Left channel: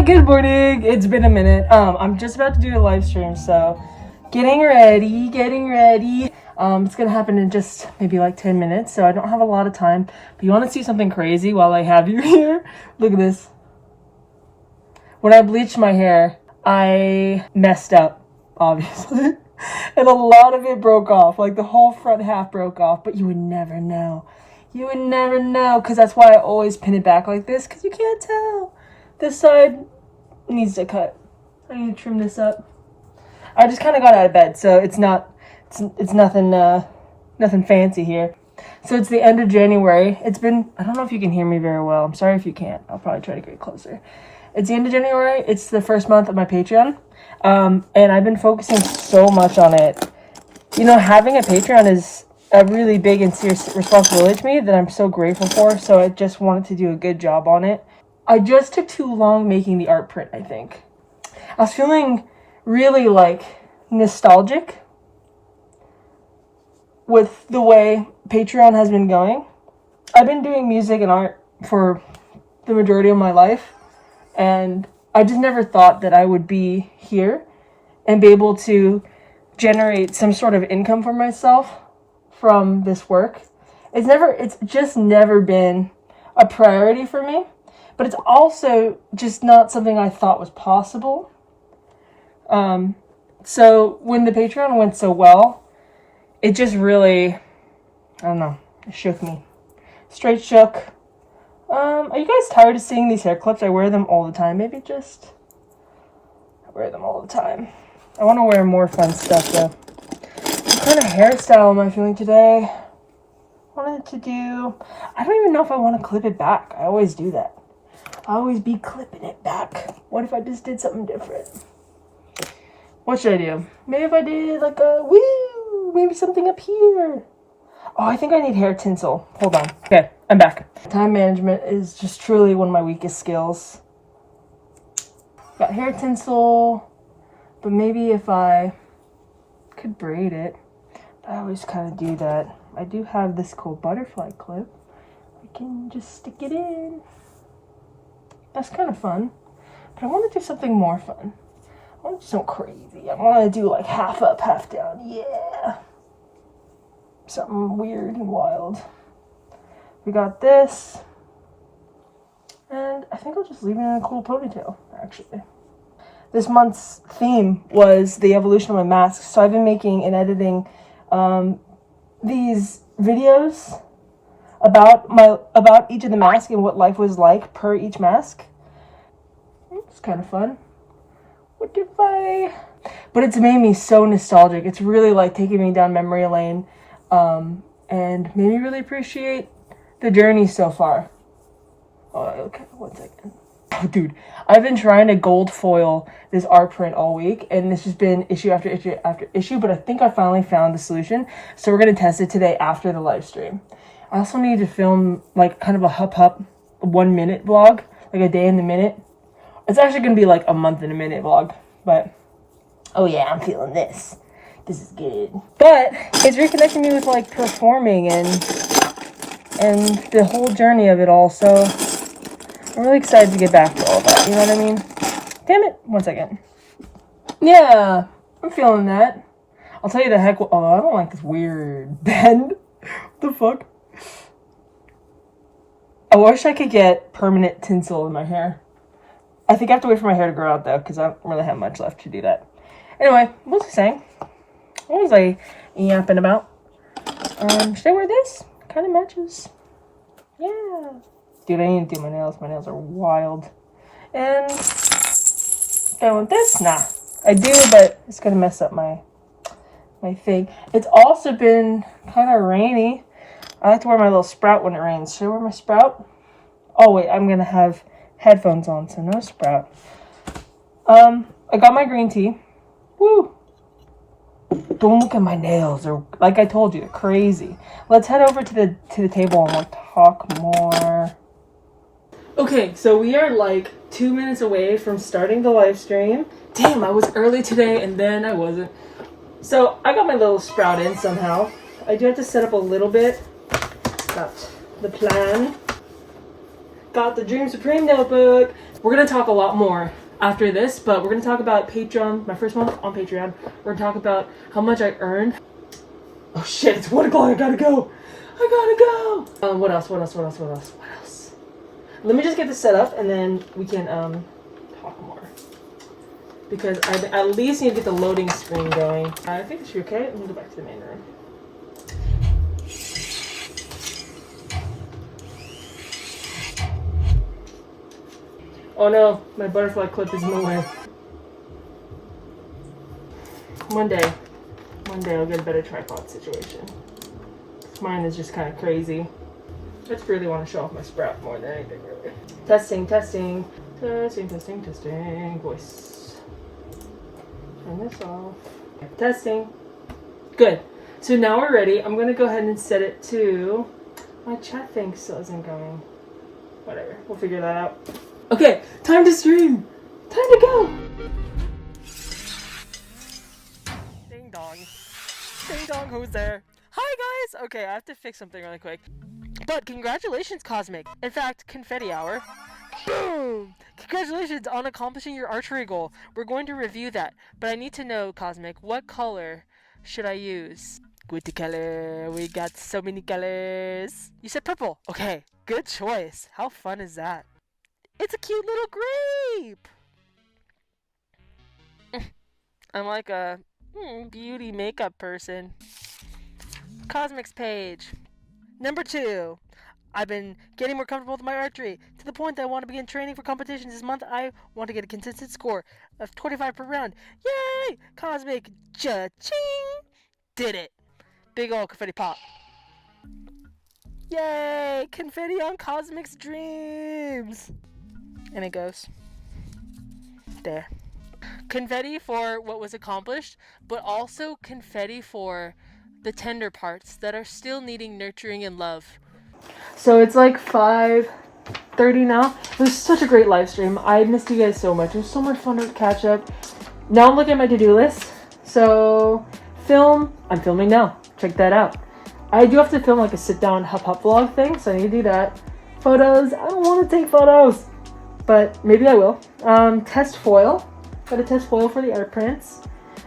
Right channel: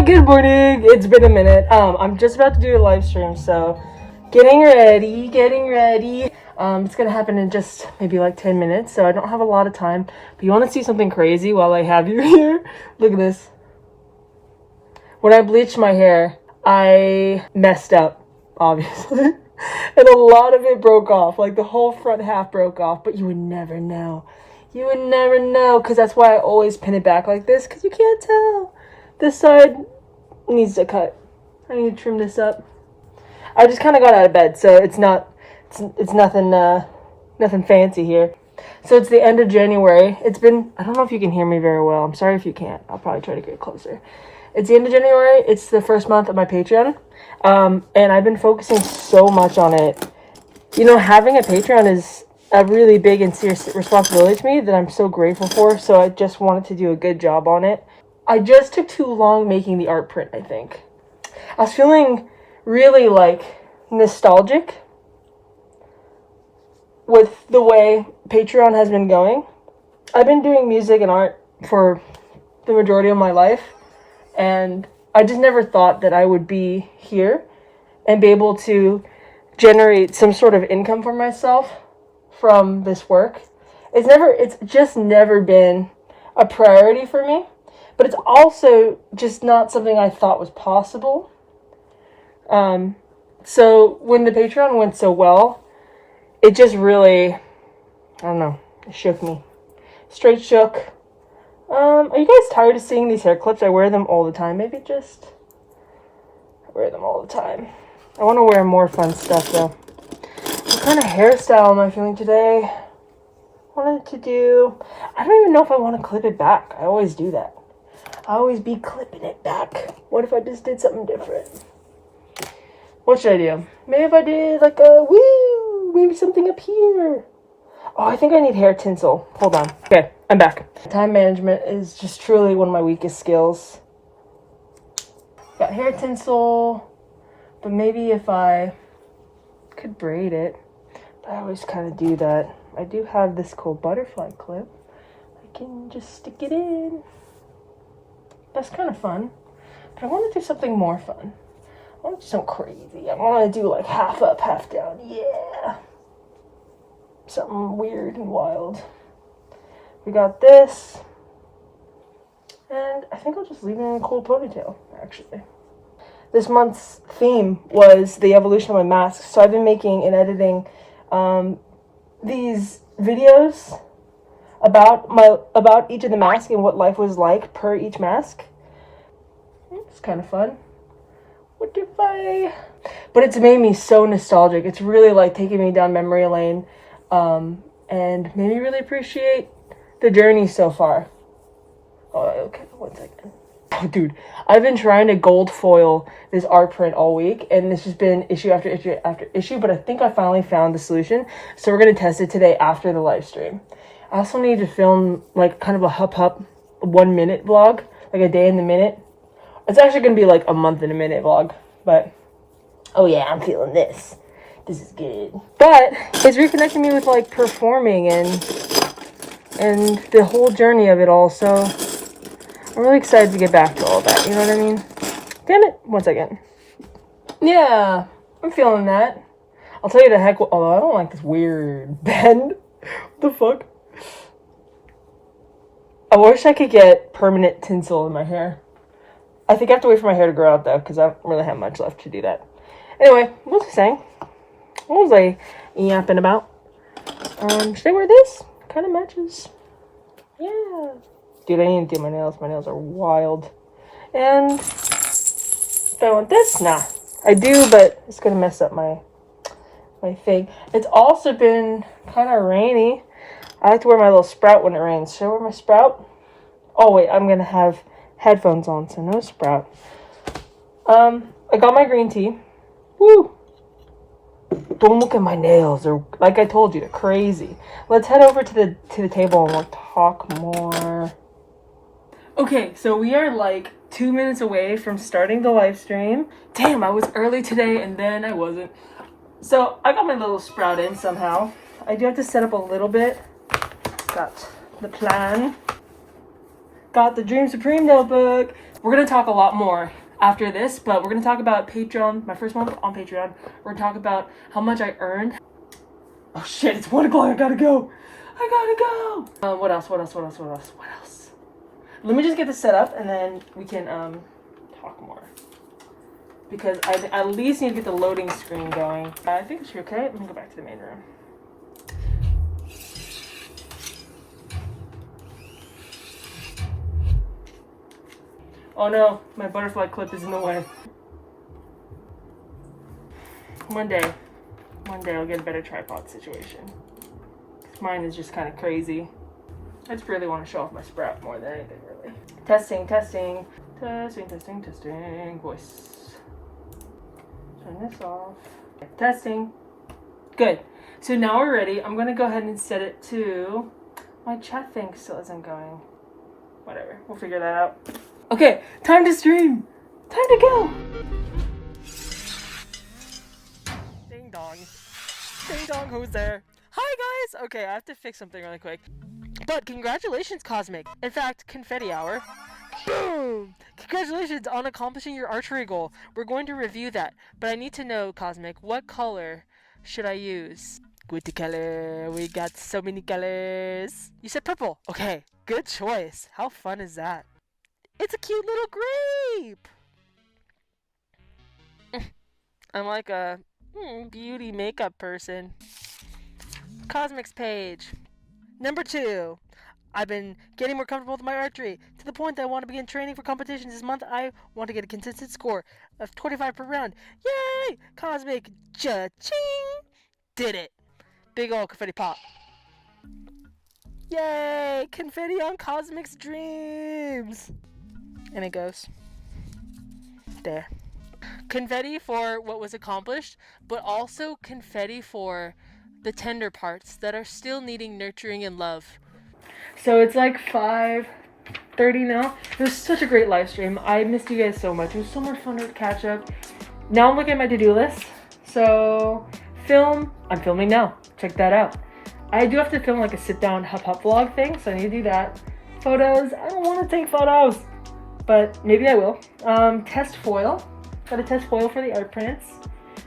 Hi, good morning. It's been a minute. I'm just about to do a live stream, so getting ready. It's gonna happen in just maybe like 10 minutes, so I don't have a lot of time. But you want to see something crazy while I have you here? Look at this. When I bleached my hair, I messed up, obviously. And a lot of it broke off, like the whole front half broke off, but you would never know. You would never know, because that's why I always pin it back like this, because you can't tell. This side needs to cut. I need to trim this up. I just kind of got out of bed, so it's nothing nothing fancy here. So it's the end of January. It's been, I don't know if you can hear me very well. I'm sorry if you can't. I'll probably try to get closer. It's the end of January. It's the first month of my Patreon. And I've been focusing so much on it. You know, having a Patreon is a really big and serious responsibility to me that I'm so grateful for. So I just wanted to do a good job on it. I just took too long making the art print, I think. I was feeling really like nostalgic with the way Patreon has been going. I've been doing music and art for the majority of my life, and I just never thought that I would be here and be able to generate some sort of income for myself from this work. It's just never been a priority for me, but it's also just not something I thought was possible. So when the Patreon went so well, it just really, I don't know, it shook me. Straight shook. Are you guys tired of seeing these hair clips? I wear them all the time. I wear them all the time. I want to wear more fun stuff though. What kind of hairstyle am I feeling today? I don't even know if I want to clip it back. I always do that. I always be clipping it back. What if I just did something different? What should I do? Maybe if I did like maybe something up here. Oh, I think I need hair tinsel. Hold on. Okay, I'm back. Time management is just truly one of my weakest skills. Got hair tinsel, but maybe if I could braid it. But I always kind of do that. I do have this cool butterfly clip. I can just stick it in. That's kind of fun. But I want to do something more fun. I want to do something crazy. I want to do like half up, half down. Yeah. Something weird and wild. We got this. And I think I'll just leave it in a cool ponytail, actually. This month's theme was the evolution of my mask. So I've been making and editing these videos about each of the masks and what life was like per each mask. It's kind of fun. But it's made me so nostalgic. It's really like taking me down memory lane, and made me really appreciate the journey so far. Oh, okay, 1 second. Oh, dude, I've been trying to gold foil this art print all week, and it's just been issue after issue after issue, but I think I finally found the solution. So we're going to test it today after the live stream. I also need to film like kind of a hup 1 minute vlog, like a day in the minute. It's actually going to be like a month in a minute vlog, but oh yeah, I'm feeling this. This is good. But it's reconnecting me with like performing and the whole journey of it all. So I'm really excited to get back to all that. You know what I mean? Damn it. 1 second. Yeah, I'm feeling that. I'll tell you the heck. Although I don't like this weird bend. What the fuck? I wish I could get permanent tinsel in my hair. I think I have to wait for my hair to grow out though, because I don't really have much left to do that. Anyway, what was I saying? What was I yapping about? Should I wear this? Kind of matches. Yeah. Dude, I need to do my nails. My nails are wild. And do I want this? Nah. I do, but it's going to mess up my thing. It's also been kind of rainy. I like to wear my little sprout when it rains. Should I wear my sprout? Oh, wait. I'm going to have headphones on, so no sprout. I got my green tea. Woo! Don't look at my nails. They're, like I told you, they're crazy. Let's head over to the table and we'll talk more. Okay, so we are like 2 minutes away from starting the live stream. Damn, I was early today and then I wasn't. So I got my little sprout in somehow. I do have to set up a little bit. Got the plan. Got the Dream Supreme notebook. We're gonna talk a lot more after this, but we're gonna talk about Patreon, my first month on Patreon. We're gonna talk about how much I earned. Oh shit, it's 1 o'clock, I gotta go. What else? Let me just get this set up and then we can talk more. Because I at least need to get the loading screen going. I think it should be okay. Let me go back to the main room. Oh no, my butterfly clip is in the way. One day I'll get a better tripod situation. Mine is just kind of crazy. I just really want to show off my sprout more than anything, really. Testing. Voice. Turn this off. Testing. Good. So now we're ready. I'm gonna go ahead and set it to... My chat thing still isn't going. Whatever. We'll figure that out. Okay, time to stream. Time to go. Ding dong. Ding dong, who's there? Hi guys! Okay, I have to fix something really quick. But congratulations, Cosmic. In fact, confetti hour. Boom! Congratulations on accomplishing your archery goal. We're going to review that. But I need to know, Cosmic, what color should I use? Good color. We got so many colors. You said purple. Okay, good choice. How fun is that? It's a cute little grape! I'm like a beauty makeup person. Cosmic's page. Number 2. I've been getting more comfortable with my archery to the point that I want to begin training for competitions this month. I want to get a consistent score of 25 per round. Yay! Cosmic cha-ching! Did it! Big ol' confetti pop. Yay! Confetti on Cosmic's dreams! And it goes there. Confetti for what was accomplished, but also confetti for the tender parts that are still needing nurturing and love. So it's like 5:30 now. It was such a great live stream. I missed you guys so much. It was so much fun to catch up. Now I'm looking at my to-do list. So I'm filming now. Check that out. I do have to film like a sit-down hup vlog thing, so I need to do that. Photos. I don't want to take photos, but maybe I will. Test foil. Got a test foil for the art prints.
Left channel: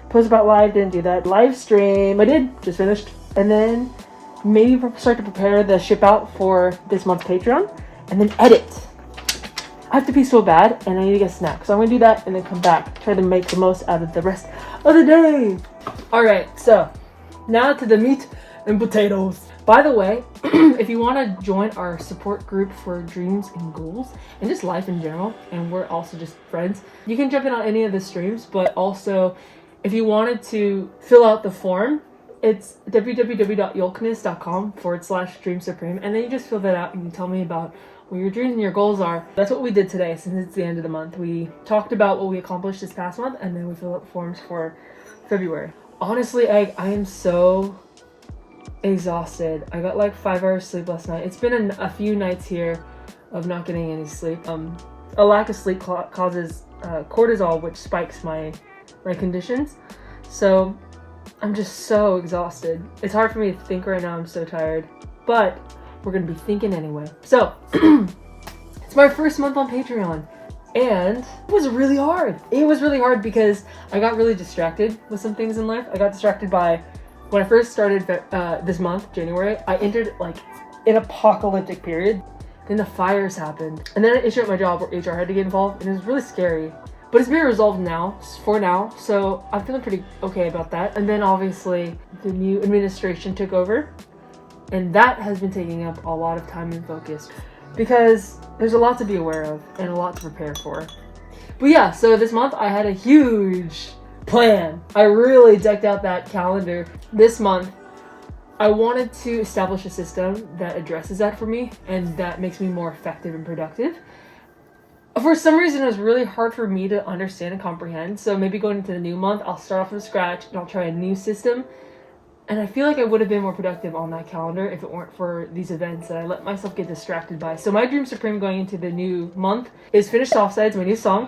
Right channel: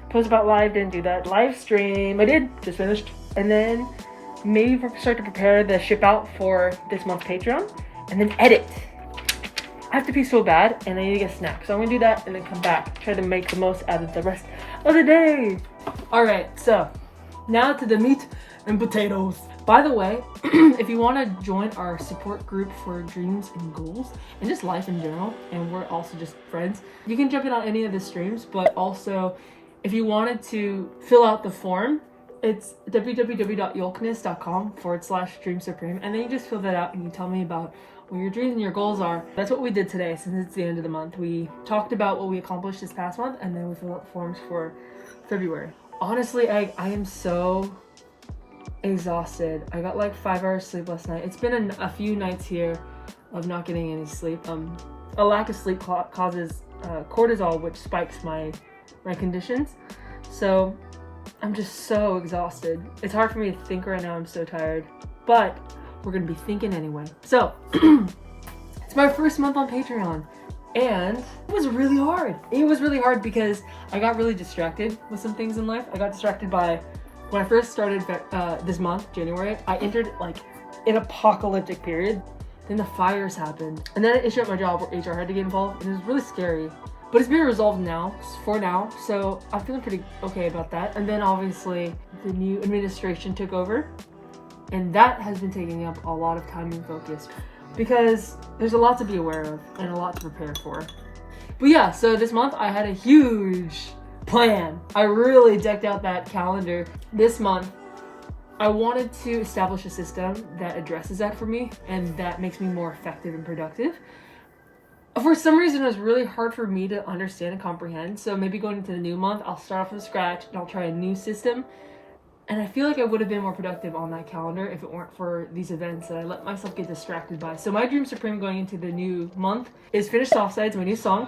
Post about live, didn't do that. Live stream, I did, just finished. And then maybe start to prepare the ship out for this month's Patreon. And then edit. I have to pee so bad and I need to get a snack. So I'm gonna do that and then come back. Try to make the most out of the rest of the day. Alright, so now to the meat and potatoes. By the way, if you want to join our support group for dreams and goals and just life in general, and we're also just friends, you can jump in on any of the streams, but also if you wanted to fill out the form, it's www.yolkness.com/Dream Supreme, and then you just fill that out and you tell me about what your dreams and your goals are. That's what we did today since it's the end of the month. We talked about what we accomplished this past month, and then we filled out the forms for February. Honestly, I am so exhausted. I got like 5 hours sleep last night. It's been a few nights here of not getting any sleep. A lack of sleep causes cortisol, which spikes my conditions. So I'm just so exhausted. It's hard for me to think right now. I'm so tired, but we're gonna be thinking anyway. So it's my first month on Patreon, and it was really hard. It was really hard because I got really distracted with some things in life. I got distracted by when I first started this month, January, I entered like an apocalyptic period. Then the fires happened. And then an issue at my job where HR had to get involved, and it was really scary. But it's been resolved now, for now, so I'm feeling pretty okay about that. And then obviously the new administration took over, and that has been taking up a lot of time and focus because there's a lot to be aware of and a lot to prepare for. But yeah, so this month I had a huge plan. I really decked out that calendar this month. I wanted to establish a system that addresses that for me and that makes me more effective and productive. For some reason, it was really hard for me to understand and comprehend. So maybe going into the new month, I'll start off from scratch and I'll try a new system. And I feel like I would have been more productive on that calendar if it weren't for these events that I let myself get distracted by. So my Dream Supreme going into the new month is finish Softsides, my new song,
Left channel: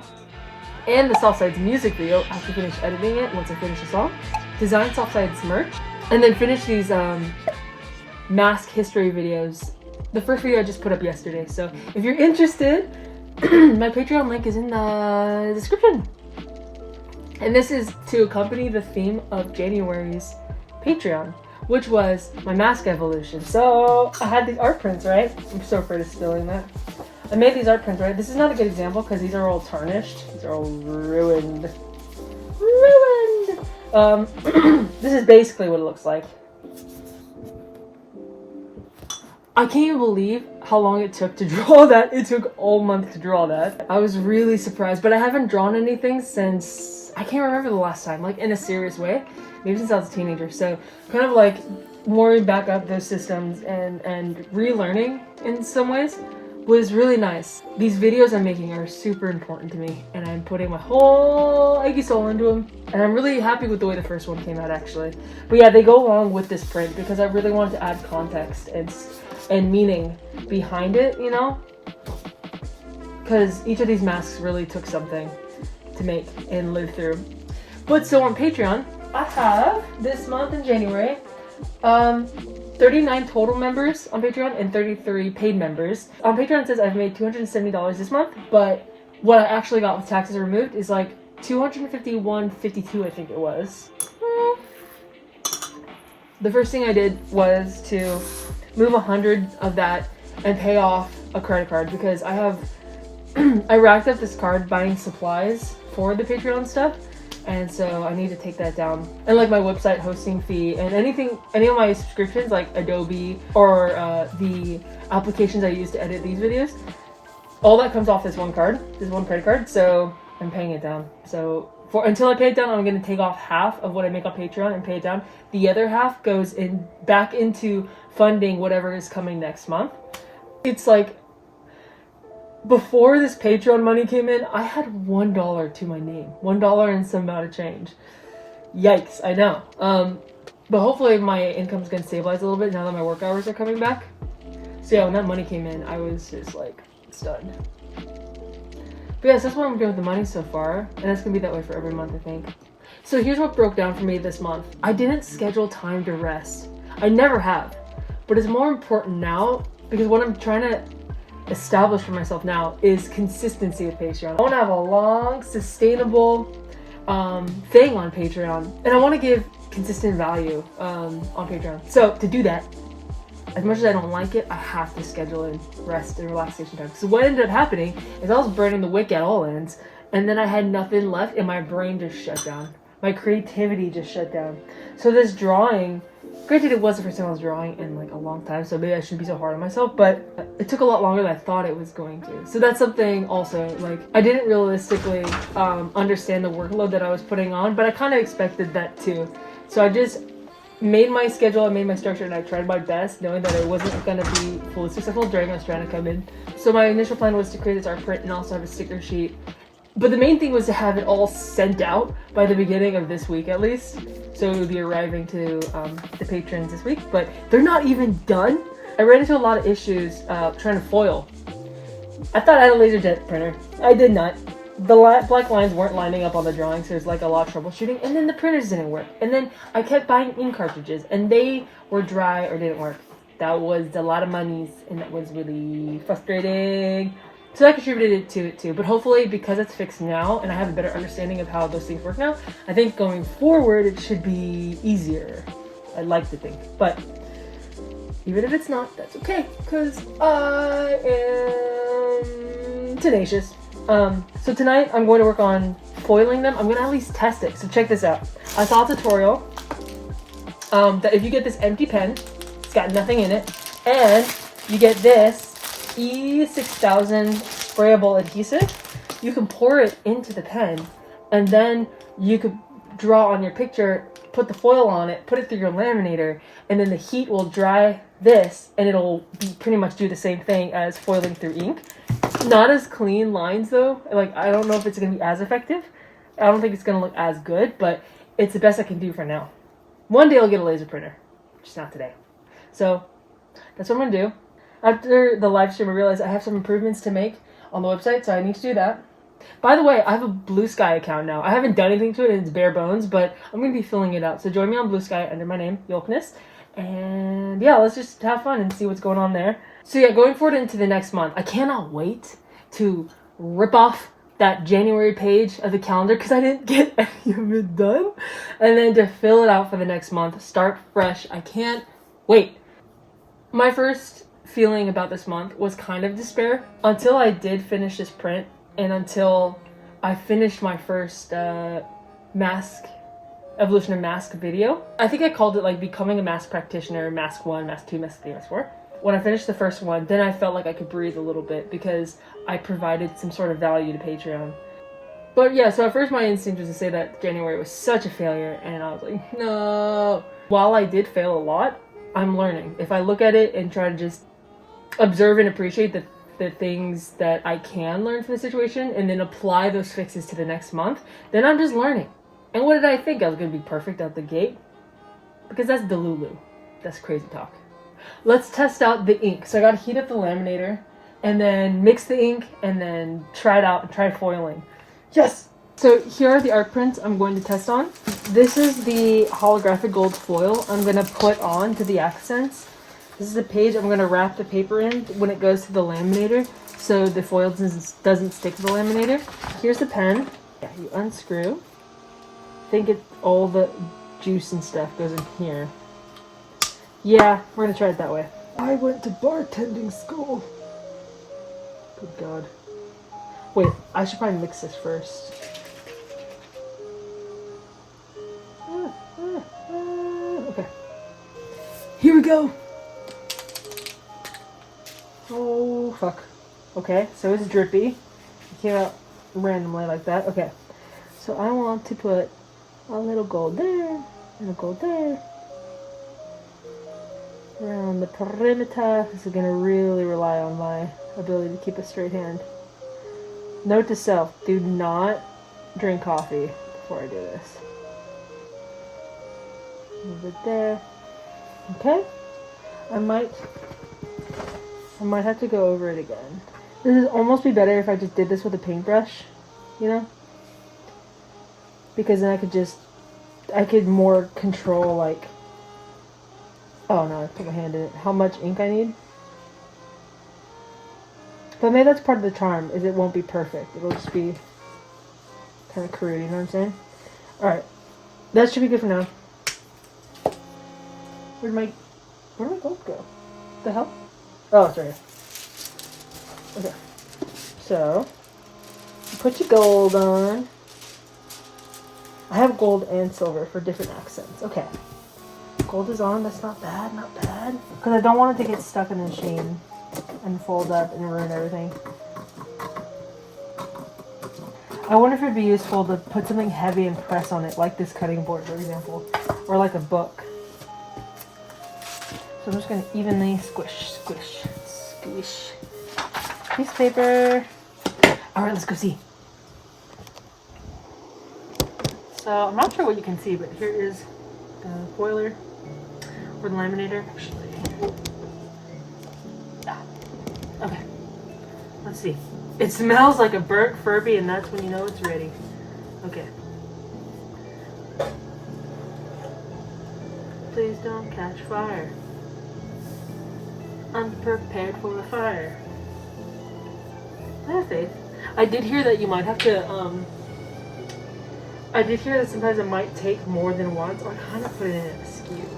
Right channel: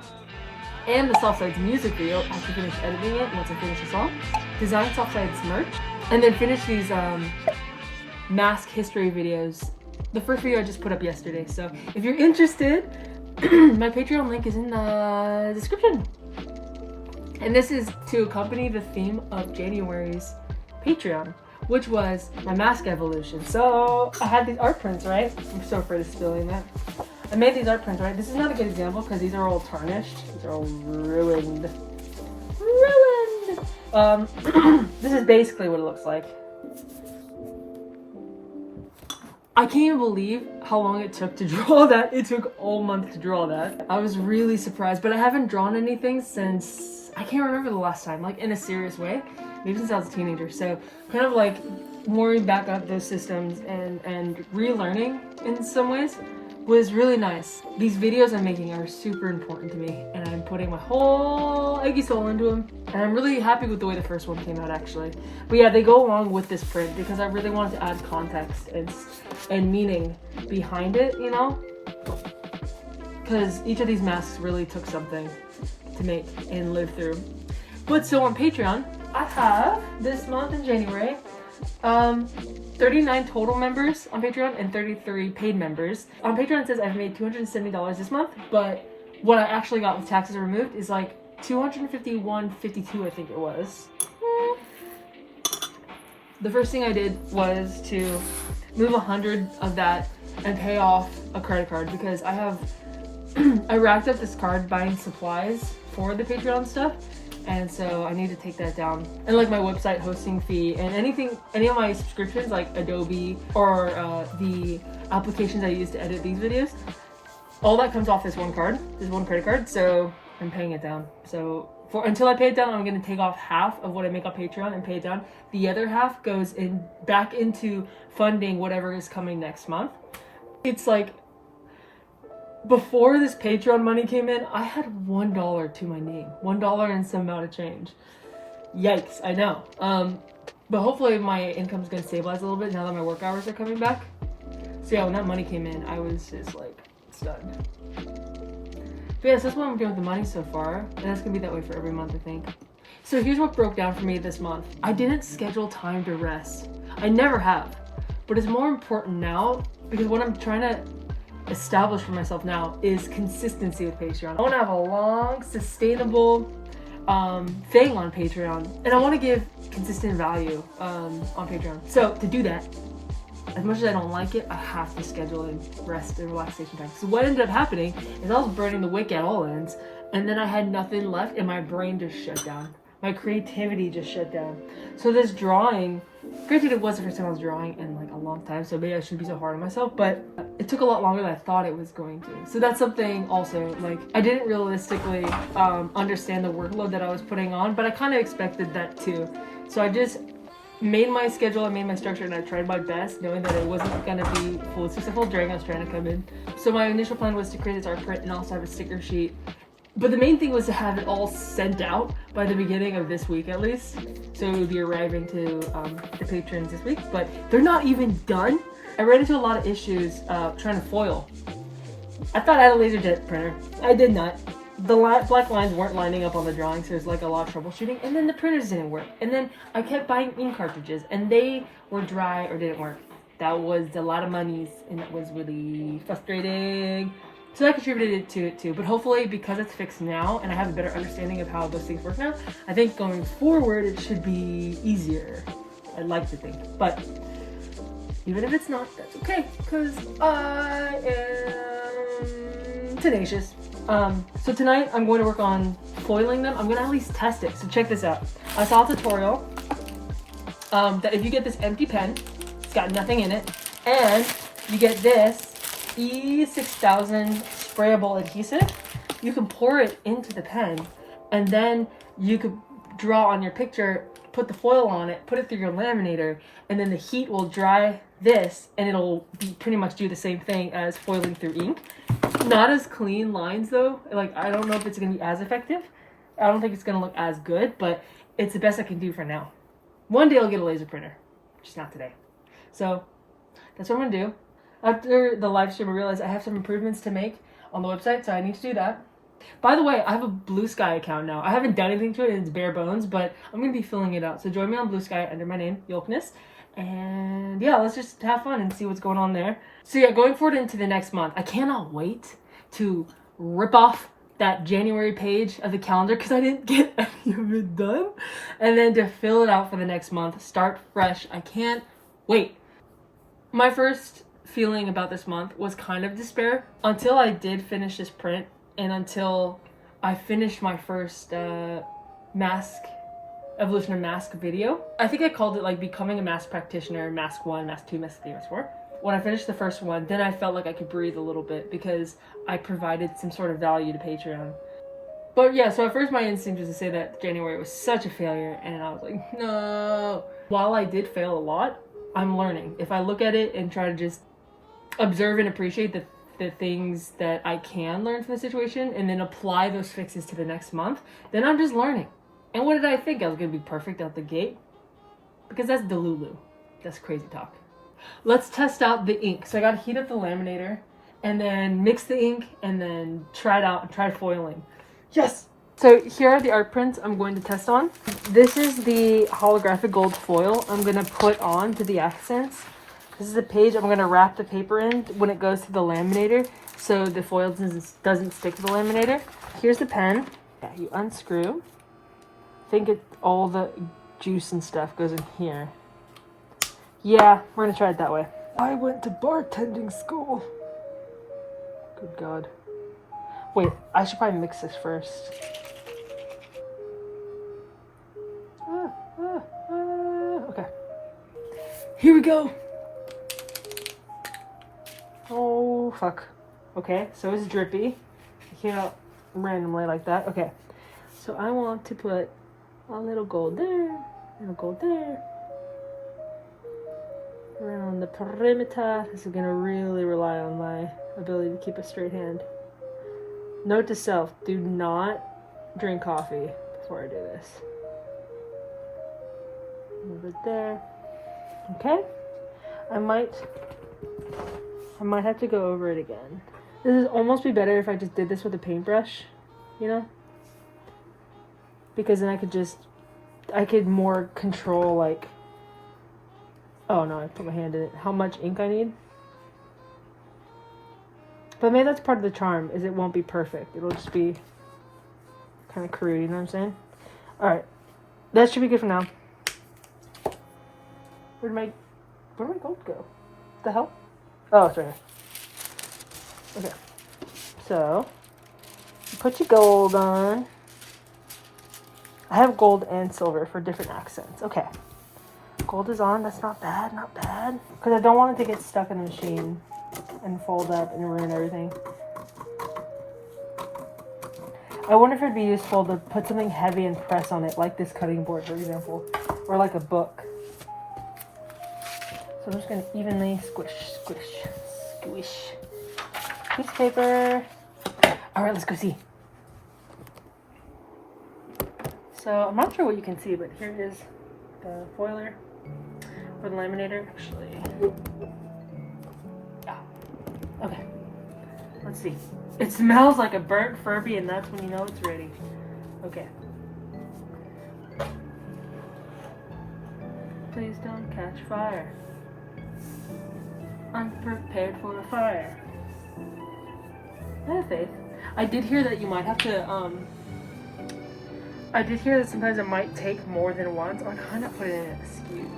and the Softsides music video. I have to finish editing it once I finish the song. Design Softsides merch. And then finish these mask history videos. The first video I just put up yesterday. So if you're interested, my Patreon link is in the description. And this is to accompany the theme of January's Patreon, which was my mask evolution. So I had these art prints, right? I'm so afraid of spilling that. I made these art prints, right? This is not a good example because these are all tarnished. These are all ruined. This is basically what it looks like. I can't even believe how long it took to draw that. It took all month to draw that. I was really surprised, but I haven't drawn anything since, I can't remember the last time, like in a serious way, maybe since I was a teenager. So kind of like warming back up those systems and relearning in some ways was really nice. These videos I'm making are super important to me, and I'm putting my whole eggy soul into them. And I'm really happy with the way the first one came out, actually. But yeah, they go along with this print because I really wanted to add context and meaning behind it, you know? Because each of these masks really took something to make and live through. But so on Patreon, I have this month in January, 39 total members on Patreon and 33 paid members. On Patreon it says I've made $270 this month, but what I actually got with taxes removed is like $251.52, I think it was. The first thing I did was to move 100 of that and pay off a credit card because I have I racked up this card buying supplies for the Patreon stuff. And so I need to take that down. And like my website hosting fee and any of my subscriptions like Adobe or the applications I use to edit these videos, all that comes off this one card, this one credit card. So I'm paying it down. So until I pay it down, I'm going to take off half of what I make on Patreon and pay it down. The other half goes back into funding whatever is coming next month. It's like, before this Patreon money came in, I had $1 to my name. $1 and some amount of change. Yikes, I know. But hopefully my income's gonna stabilize a little bit now that my work hours are coming back. So yeah, when that money came in, I was just like stunned. But yes, that's what I'm doing with the money so far. And that's gonna be that way for every month, I think. So here's what broke down for me this month. I didn't schedule time to rest. I never have. But it's more important now because what I'm trying to establish for myself now is consistency with Patreon. I want to have a long, sustainable thing on Patreon, and I want to give consistent value on Patreon. So to do that, as much as I don't like it, I have to schedule in rest and relaxation time. So what ended up happening is I was burning the wick at all ends, and then I had nothing left, and my brain just shut down. My creativity just shut down. So this drawing, granted it was the first time I was drawing in like a long time, so maybe I shouldn't be so hard on myself, but it took a lot longer than I thought it was going to. So that's something also, like, I didn't realistically understand the workload that I was putting on, but I kind of expected that too. So I just made my schedule, I made my structure, and I tried my best, knowing that it wasn't going to be fully successful during I was trying to come in. So my initial plan was to create this art print and also have a sticker sheet. But the main thing was to have it all sent out by the beginning of this week at least. So it would be arriving to the patrons this week, but they're not even done. I ran into a lot of issues trying to foil. I thought I had a LaserJet printer. I did not. The black lines weren't lining up on the drawing, so there's like a lot of troubleshooting. And then the printers didn't work. And then I kept buying ink cartridges, and they were dry or didn't work. That was a lot of monies, and that was really frustrating. So that contributed to it too. But hopefully, because it's fixed now, and I have a better understanding of how those things work now, I think going forward it should be easier. I'd like to think. But even if it's not, that's okay, because I am tenacious. So tonight I'm going to work on foiling them. I'm going to at least test it. So check this out. I saw a tutorial that if you get this empty pen, it's got nothing in it, and you get this E6000 sprayable adhesive, you can pour it into the pen, and then you could draw on your picture, put the foil on it, put it through your laminator, and then the heat will dry this, and it'll pretty much do the same thing as foiling through ink. Not as clean lines though. Like, I don't know if it's gonna be as effective. I don't think it's gonna look as good, but it's the best I can do for now. One day I'll get a laser printer, just not today. So that's what I'm gonna do. After the live stream, I realized I have some improvements to make on the website, so I need to do that. By the way, I have a Blue Sky account now. I haven't done anything to it, and it's bare bones, but I'm going to be filling it out. So join me on Blue Sky under my name, Yolkness. And yeah, let's just have fun and see what's going on there. So yeah, going forward into the next month, I cannot wait to rip off that January page of the calendar because I didn't get any of it done. And then to fill it out for the next month, start fresh. I can't wait. My first feeling about this month was kind of despair until I did finish this print and until I finished my first evolution of mask video. I think I called it like becoming a mask practitioner, mask 1, mask 2, mask 3, mask 4. When I finished the first one, then I felt like I could breathe a little bit because I provided some sort of value to Patreon. But yeah, so at first my instinct was to say that January was such a failure, and I was like, no. While I did fail a lot, I'm learning. If I look at it and try to just observe and appreciate the things that I can learn from the situation and then apply those fixes to the next month, then I'm just learning. And what did I think? I was going to be perfect out the gate? Because that's Delulu. That's crazy talk. Let's test out the ink. So I got to heat up the laminator and then mix the ink and then try it out and try foiling. Yes! So here are the art prints I'm going to test on. This is the holographic gold foil I'm going to put on to the accents. This is the page I'm going to wrap the paper in when it goes to the laminator so the foil doesn't stick to the laminator. Here's the pen. Yeah, you unscrew. I think all the juice and stuff goes in here. Yeah, we're gonna try it that way. I went to bartending school. Good God. Wait, I should probably mix this first. Okay. Here we go. Oh, fuck. Okay, so it's drippy. You can't randomly like that. Okay. So I want to put a little gold there, and a gold there. Around the perimeter. This is going to really rely on my ability to keep a straight hand. Note to self, do not drink coffee before I do this. Move it there. Okay. I might have to go over it again. This would almost be better if I just did this with a paintbrush, you know? Because then I could more control, like, oh no, I put my hand in it, how much ink I need. But maybe that's part of the charm, is it won't be perfect. It'll just be kind of crude, you know what I'm saying? Alright, that should be good for now. Where'd my gold go? What the hell? Oh, it's right here. Okay, so, you put your gold on. I have gold and silver for different accents. Okay. Gold is on. That's not bad. Not bad. Because I don't want it to get stuck in the machine and fold up and ruin everything. I wonder if it'd be useful to put something heavy and press on it, like this cutting board, for example. Or like a book. So I'm just going to evenly squish, squish, squish. Piece of paper. Alright, let's go see. So I'm not sure what you can see, but here is the foiler or the laminator. Actually, yeah. Okay. Let's see. It smells like a burnt Furby, and that's when you know it's ready. Okay. Please don't catch fire. I'm prepared for a fire. I have faith. I did hear that you might have to, I did hear that sometimes it might take more than once, or kind of put it in a skew.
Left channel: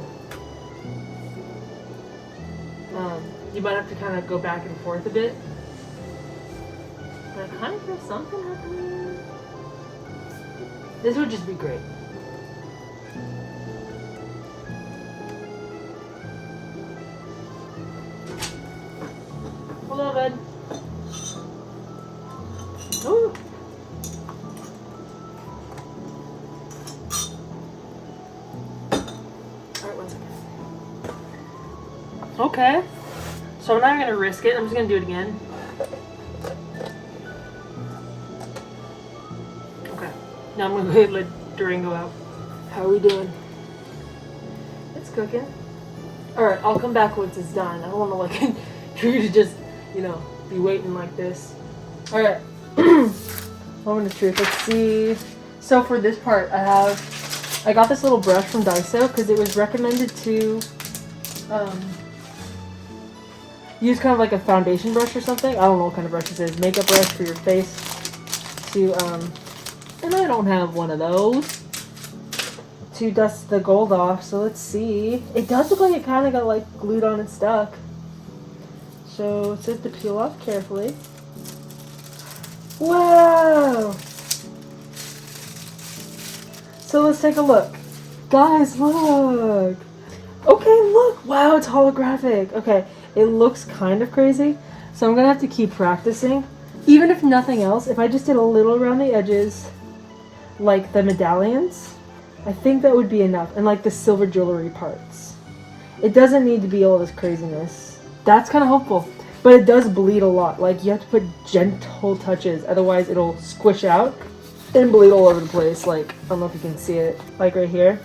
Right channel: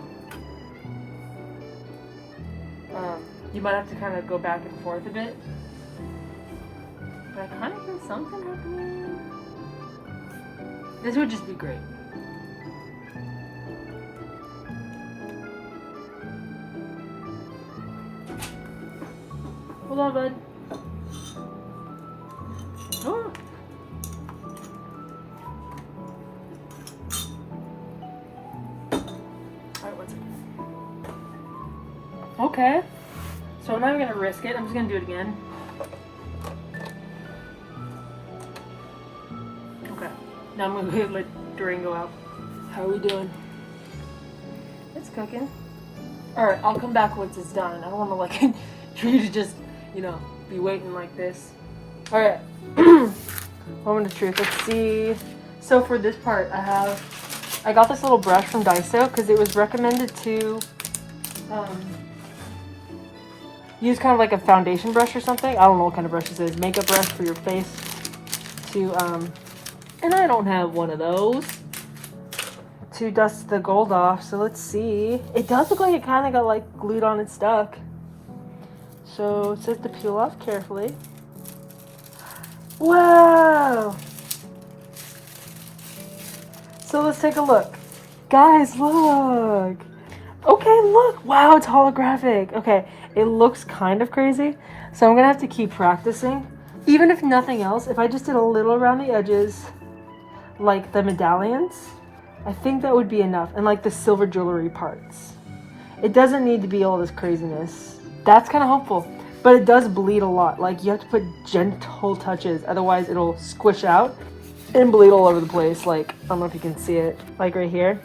You might have to kind of go back and forth a bit. I kind of hear something happening. This would just be great. Hello, bud. Ooh. Alright, 1 second. Okay. So I'm not even gonna risk it. I'm just gonna do it again. Okay. Now I'm gonna let Durango out. How are we doing? It's cooking. Alright, I'll come back once it's done. I don't wanna like for you to just, you know, be waiting like this. Alright. Moment of truth. Let's see. So for this part, I got this little brush from Daiso because it was recommended to use kind of like a foundation brush or something. I don't know what kind of brush this is. Makeup brush for your face to, and I don't have one of those to dust the gold off. So let's see. It does look like it kind of got like glued on and stuck. So it's have to peel off carefully. Wow! So let's take a look. Guys, look! Okay, look! Wow, it's holographic. Okay, it looks kind of crazy. So I'm gonna have to keep practicing. Even if nothing else, if I just did a little around the edges, like the medallions, I think that would be enough. And like the silver jewelry parts. It doesn't need to be all this craziness. That's kind of helpful. But it does bleed a lot. Like, you have to put gentle touches. Otherwise, it'll squish out and bleed all over the place. Like, I don't know if you can see it. Like right here.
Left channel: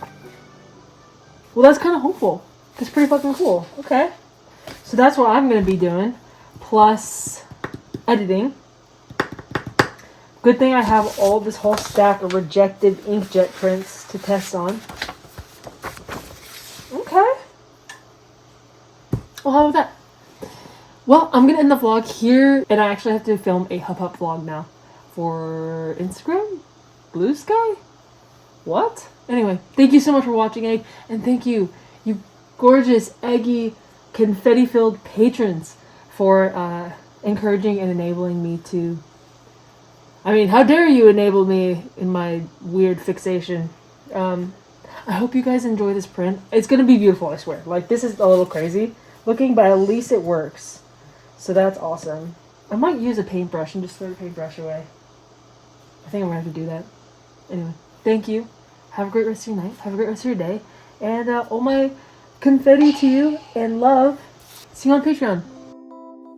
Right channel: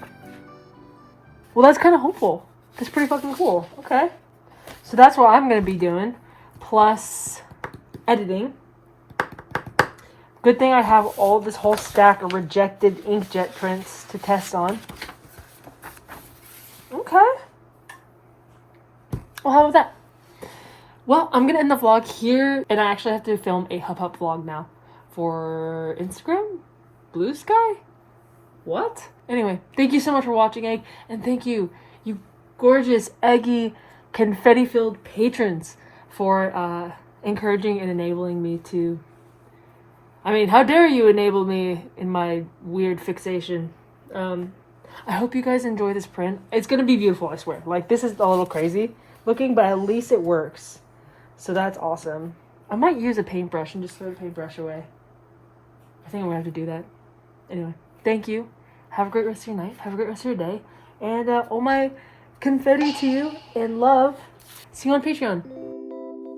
Well, that's kind of hopeful. That's pretty fucking cool. Okay. So that's what I'm going to be doing. Plus editing. Good thing I have all this whole stack of rejected inkjet prints to test on. Okay. Well, how was that? Well, I'm going to end the vlog here, and I actually have to film a Hub Hub vlog now for Instagram? Blue Sky? What? Anyway, thank you so much for watching, Egg, and thank you, you gorgeous, eggy, confetti-filled patrons for encouraging and enabling me to... I mean, how dare you enable me in my weird fixation. I hope you guys enjoy this print. It's going to be beautiful, I swear. Like, this is a little crazy looking, but at least it works. So that's awesome. I might use a paintbrush and just throw the paintbrush away. I think I'm going to have to do that. Anyway, thank you. Have a great rest of your night. Have a great rest of your day. And all my confetti to you and love. See you on Patreon.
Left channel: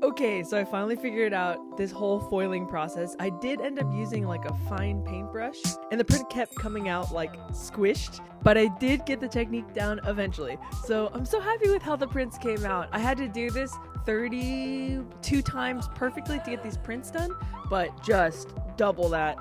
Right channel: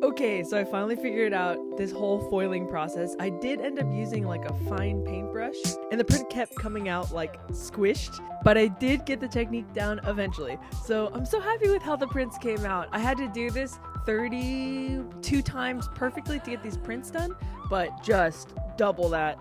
Okay, so I finally figured out this whole foiling process. I did end up using like a fine paintbrush, and the print kept coming out like squished, but I did get the technique down eventually. So I'm so happy with how the prints came out. I had to do this 32 times perfectly to get these prints done, but just double that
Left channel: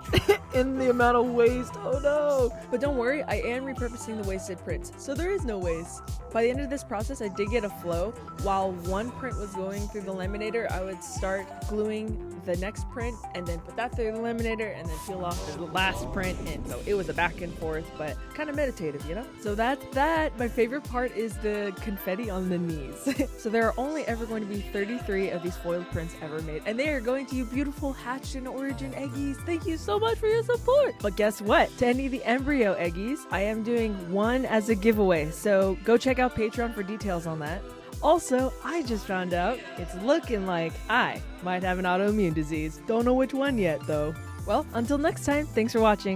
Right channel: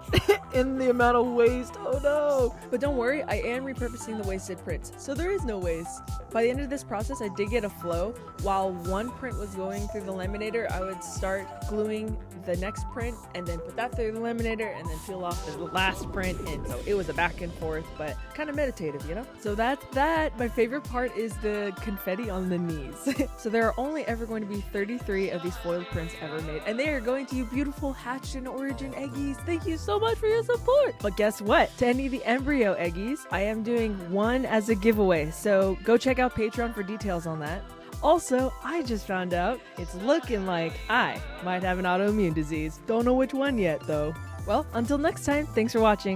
in the amount of waste. Oh no! But don't worry, I am repurposing the wasted prints, so there is no waste. By the end of this process, I did get a flow. While one print was going through the laminator, I would start gluing the next print and then put that through the laminator and then peel off the last print, and so it was a back and forth, but kind of meditative, you know? So that's that. My favorite part is the confetti on the knees. So there are only ever going to be 33 of these foiled prints ever made, and they are going to you beautiful hatched in origin eggies. Thank you so much for your support. But guess what? To any of the embryo eggies, I am doing one as a giveaway, so go check out Patreon for details on that. Also, I just found out it's looking like I might have an autoimmune disease. Don't know which one yet, though. Well, until next time, thanks for watching.